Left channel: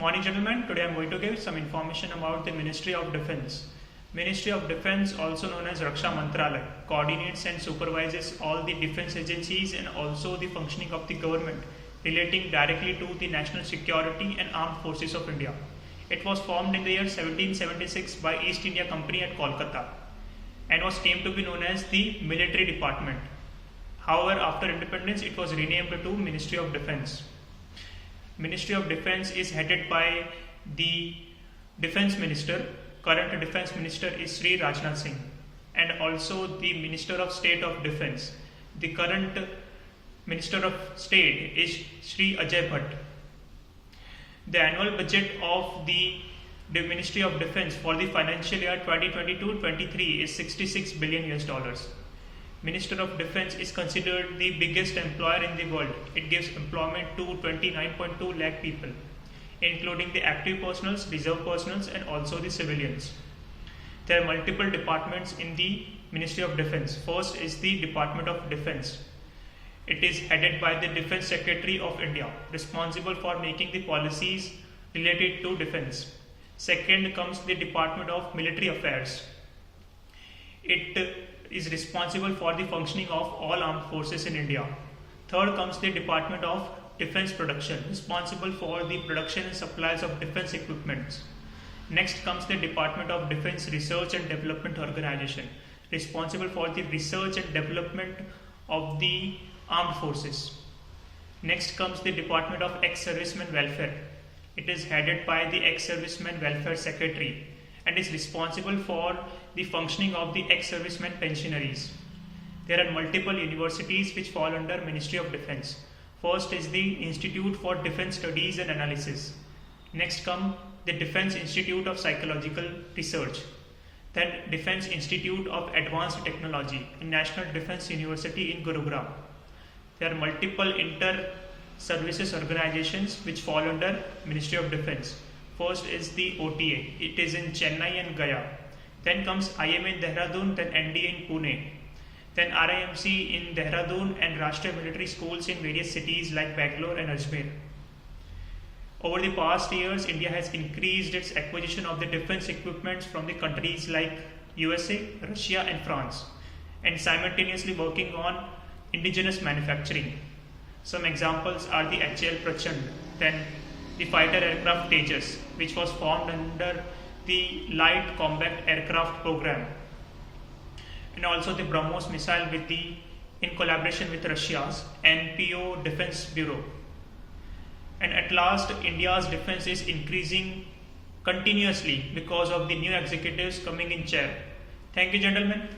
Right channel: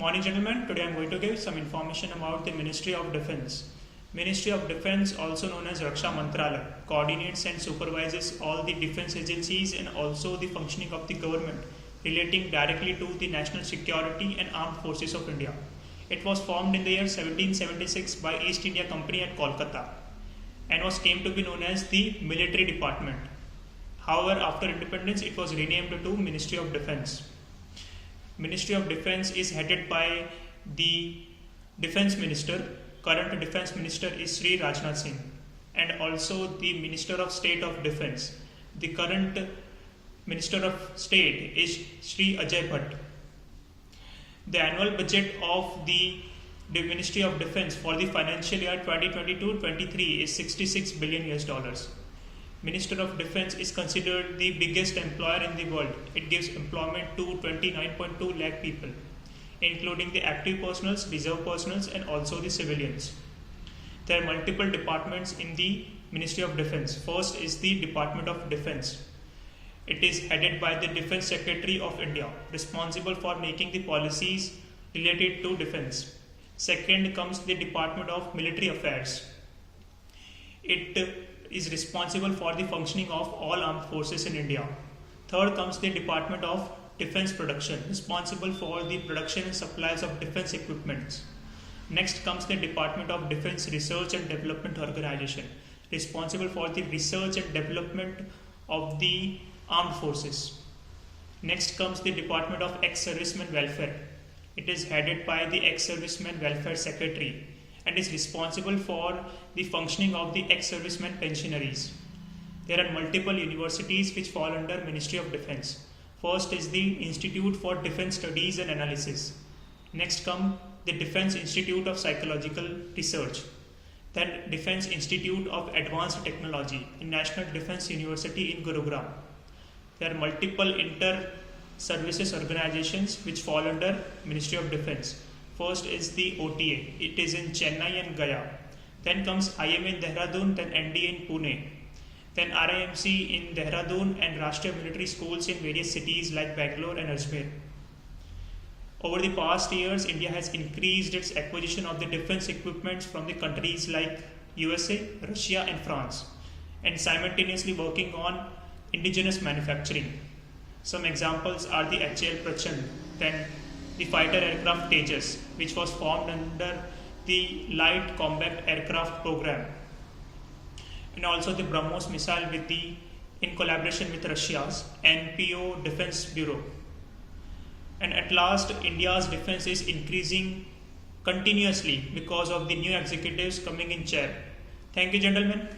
Morning gentlemen, today I am going to give some information about the Ministry of Defence. Ministry of Defence, also known as Raksha Mantralaya, coordinates and supervises all the defence agencies and also the functioning of the government relating directly to the national security and armed forces of India. It was formed in the year 1776 by East India Company at Kolkata and came to be known as the Military Department. However, after independence, it was renamed to Ministry of Defence. Ministry of Defence is headed by the Defence Minister. Current Defence Minister is Sri Rajnath Singh, and also the Minister of State of Defence. The current Minister of State is Sri Ajay Bhatt. The annual budget of the Ministry of Defence for the financial year 2022-23 is $66 billion. Minister of Defence is considered the biggest employer in the world. It gives employment to 29.2 lakh people, including the active personals, reserve personals, and also the civilians. There are multiple departments in the Ministry of Defence. First is the Department of Defence. It is headed by the Defence Secretary of India, responsible for making the policies related to defence. Second comes the Department of Military Affairs. It is responsible for the functioning of all armed forces in India. Third comes the Department of Defence Production, responsible for the production and supplies of defence equipment. Next comes the Department of Defence Research and Development Organization, responsible for the research and development of the armed forces. Next comes the Department of Ex-Servicemen Welfare. It is headed by the Ex-Servicemen Welfare Secretary and is responsible for the functioning of the ex-servicemen pensionaries. There are multiple universities which fall under Ministry of Defence. First is the Institute for Defence Studies and Analysis. Next come the Defence Institute of Psychological Research. Then Defence Institute of Advanced Technology and National Defence University in Gurugram. There are multiple inter-services organizations which fall under Ministry of Defence. First is the OTA. It is in Chennai and Gaya. Then comes IMA in Dehradun, then NDA in Pune. Then RIMC in Dehradun and Rashtriya Military Schools in various cities like Bangalore and Ajmer. Over the past years, India has increased its acquisition of the defense equipment from the countries like USA, Russia and France, and simultaneously working on indigenous manufacturing. Some examples are the HAL Prachand, then the fighter aircraft Tejas, which was formed under the Light Combat Aircraft Program, and also the BrahMos missile in collaboration with Russia's NPO Defense Bureau. And at last, India's defense is increasing continuously because of the new executives coming in chair. Thank you, gentlemen.